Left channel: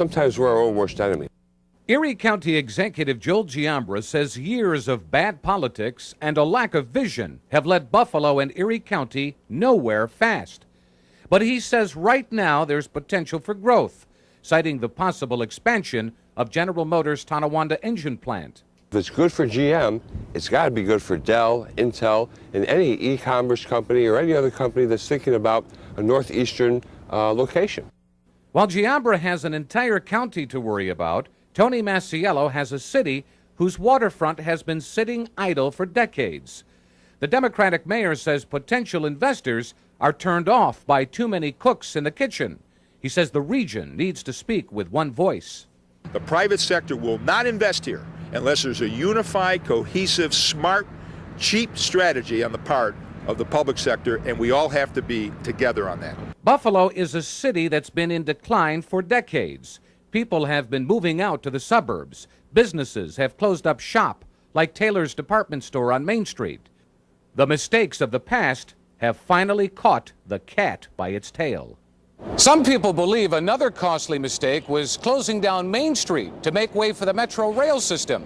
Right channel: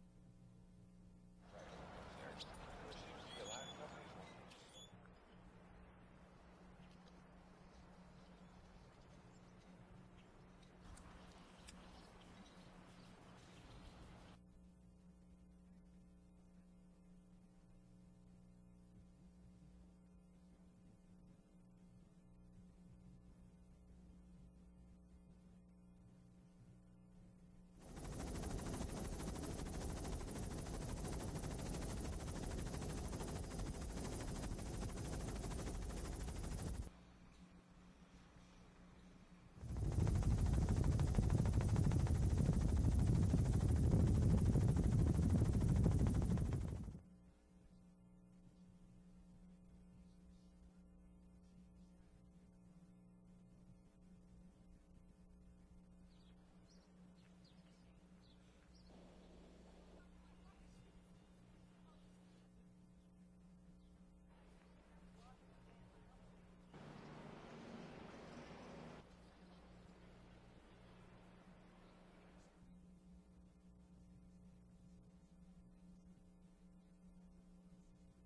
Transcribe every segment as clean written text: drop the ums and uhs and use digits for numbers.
Sometimes we're our own worst enemy. Erie County Executive Joel Giambra says years of bad politics and a lack of vision have led Buffalo and Erie County nowhere fast. But he says right now there's potential for growth, citing the possible expansion of General Motors' Tonawanda engine plant. If it's good for GM, it's got to be good for Dell, Intel, and any e-commerce company or any other company that's thinking about a northeastern location. While Giambra has an entire county to worry about, Tony Masiello has a city whose waterfront has been sitting idle for decades. The Democratic mayor says potential investors are turned off by too many cooks in the kitchen. He says the region needs to speak with one voice. The private sector will not invest here unless there's a unified, cohesive, smart, cheap strategy on the part of the public sector, and we all have to be together on that. Buffalo is a city that's been in decline for decades. People have been moving out to the suburbs. Businesses have closed up shop, like Taylor's department store on Main Street. The mistakes of the past have finally caught the cat by its tail. Some people believe another costly mistake was closing down Main Street to make way for the Metro rail system.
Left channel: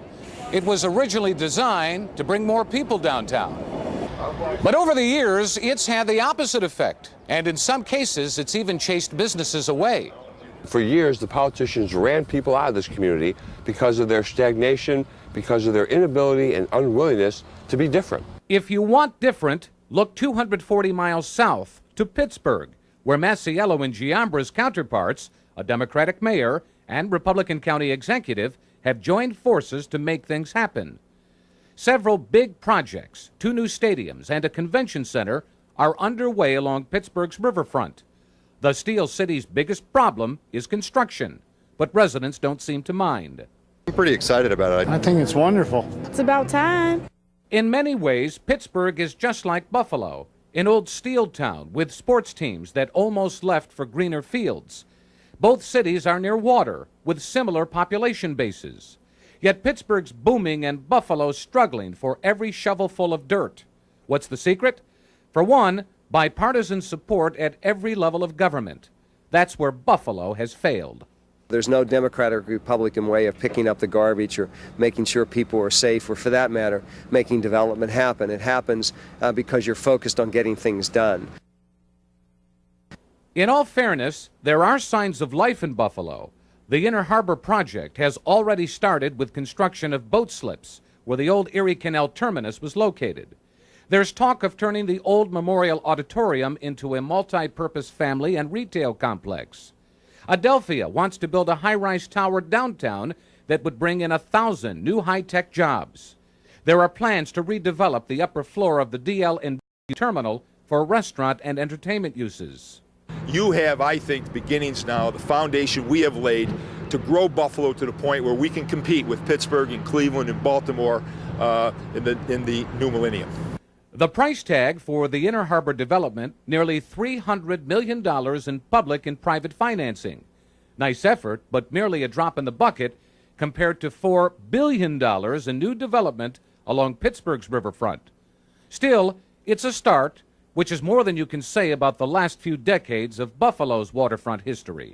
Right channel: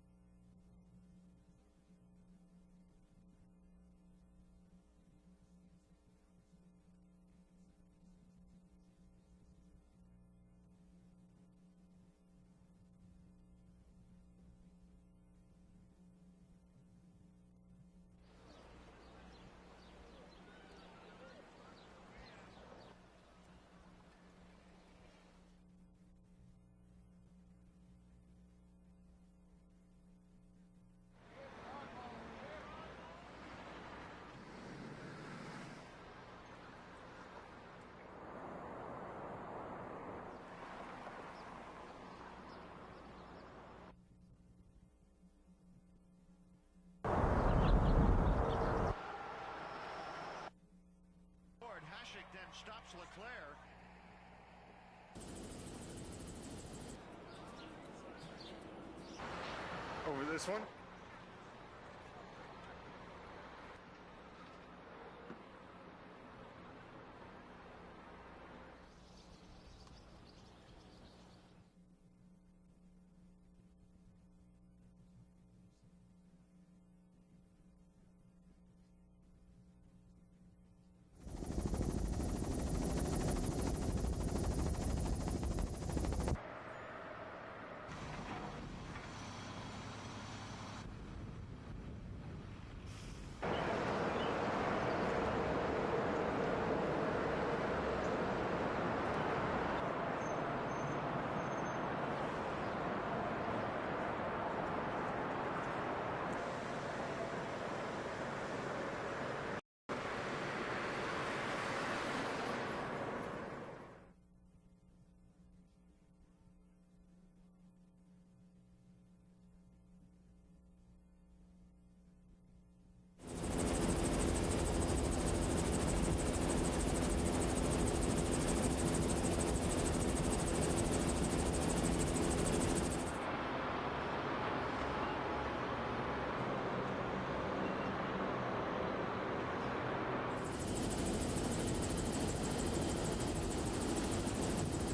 It was originally designed to bring more people downtown. But over the years, it's had the opposite effect, and in some cases, it's even chased businesses away. For years, the politicians ran people out of this community because of their stagnation, because of their inability and unwillingness to be different. If you want different, look 240 miles south to Pittsburgh, where Masiello and Giambra's counterparts, a Democratic mayor and Republican county executive, have joined forces to make things happen. Several big projects, 2 new stadiums and a convention center are underway along Pittsburgh's riverfront. The Steel City's biggest problem is construction, but residents don't seem to mind. I'm pretty excited about it. I think it's wonderful. It's about time. In many ways, Pittsburgh is just like Buffalo, an old steel town with sports teams that almost left for greener fields. Both cities are near water with similar population bases. Yet Pittsburgh's booming and Buffalo's struggling for every shovelful of dirt. What's the secret? For one, bipartisan support at every level of government. That's where Buffalo has failed. There's no Democratic or Republican way of picking up the garbage or making sure people are safe or, for that matter, making development happen. It happens because you're focused on getting things done. In all fairness, there are signs of life in Buffalo. The Inner Harbor project has already started with construction of boat slips, where the old Erie Canal terminus was located. There's talk of turning the old Memorial Auditorium into a multi-purpose family and retail complex. Adelphia wants to build a high-rise tower downtown that would bring in 1,000 new high-tech jobs. There are plans to redevelop the upper floor of the DL and terminal for restaurant and entertainment uses. You have, I think, beginnings now, the foundation we have laid to grow Buffalo to the point where we can compete with Pittsburgh and Cleveland and Baltimore in the new millennium. The price tag for the Inner Harbor development, nearly $300 million in public and private financing. Nice effort, but merely a drop in the bucket compared to $4 billion in new development along Pittsburgh's riverfront. Still, it's a start, which is more than you can say about the last few decades of Buffalo's waterfront history.